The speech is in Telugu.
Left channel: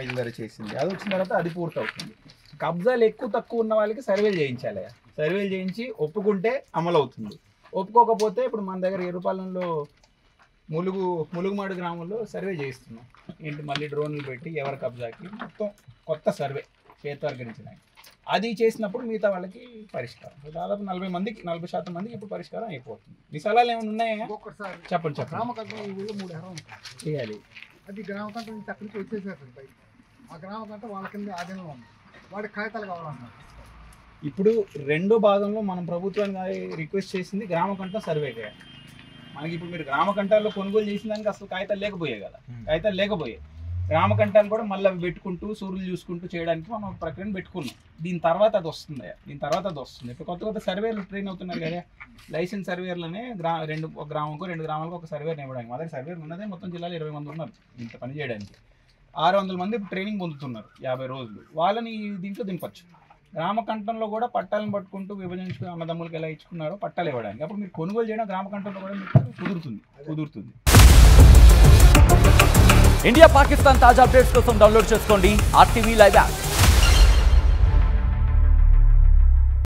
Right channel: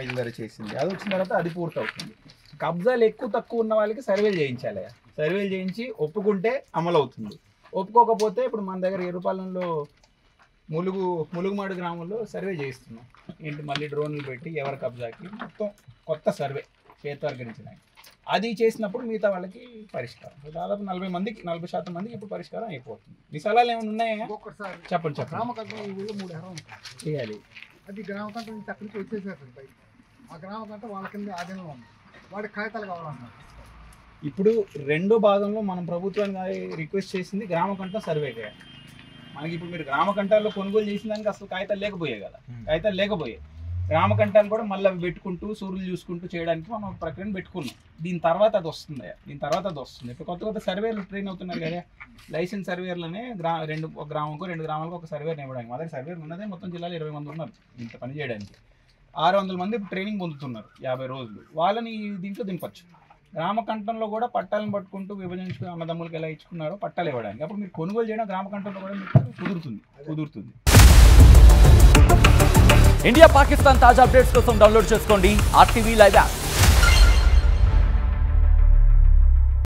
బయలుదేరి చేసింది. అది వచ్చిన తర్వాత అది పూర్తవుతుంది. కబ్జాలు ఎక్కువ తక్కువ ఉన్న వాళ్ళకి సర్వేలు చేయించాలి. సర్వేలు చేయించి ఒప్పుకుంటే అమలు అవుతుంది. ఒప్పుకోకపోతే ఇప్పుడు మన దగ్గర ఎరుపాలెంలో ములుగుమాడు గ్రామంలో సర్వే చేయిస్తున్నాం. ఏంటి మళ్ళీ డ్రోన్లు పెట్టి ఎవరి కబ్జాకి మొత్తం కొత్త సర్వే చేతవర్గరించినాయి. అది చేసినప్పుడు మిగతా వాళ్ళకి పరిష్కారం. దాదాపు 40% మందికి ఇప్పుడు పరిష్కారం అయిపోతుంది. మీ సలహాలు ఏమైనా ఉన్నాయా? చెప్పండి. చేయాలి. అది గ్రామకంట నుంచి అక్కడికి వచ్చేసారు. ఆ గ్రామకంట వాళ్ళ కింద ఆధీనంలో ఉంది. వాడి కాగితాలు కావాలన్నారు. ఇప్పుడు రెండో భాగంలో మనం ప్రభుత్వాన్ని రిక్వెస్ట్ చేసింది గ్రామకంట సర్వే చేయాలి. మనకి ఇప్పుడు మీరు గ్రామకంటాల్లో కొనుగోలు చేసిన దానికి అసలు కాగితాలు లేకపోయాయి కదా. కాగితాలు లేకపోయాయి. గ్రామకంటాలు కూడా మళ్ళీ అవి పెట్టుకుంటూ సూర్యులు చూసుకుంటూ చేయడానికి మనం ఒక ప్రక్రియను పెట్టుకున్నాం. దీని తర్వాత అది వస్తుంది. ఇప్పుడు కొత్త సర్వేలు ట్రైన్ అవుతున్నారు కదా. లైసెన్స్ సర్వేర్లనే ఒక గ్రామంకు 2 గ్రామాలకు ఒక సర్వేని ఇవ్వడానికి. మా దగ్గర సర్వేలు ఉన్నదే మొత్తం జిల్లాలో 20 మంది ఉన్నారు ఇంత పని చేయడానికి. 600 మంది ట్రైనింగ్ పొందుతున్నారు 50 రోజులు. వాళ్ళని దీంట్లో దింపచ్చు. గ్రామకంఠంలో కూడా పట్టాలను పట్టుకుంటూ విభజించుకుని అన్నదమ్ములకి ఎలా ఇచ్చుకున్నారో పట్టాలు ఇవ్వడానికి. అప్పుడు మీరు కొనుగోలు చేయడం గ్రామకంఠంలో కూడా మీకు కుదురుతుంది. ఇండియా పాకిస్తాన్ తాజా అప్డేట్స్ కోసం డౌన్లోడ్ చేసుకోండి RTV లైవ్ యాప్.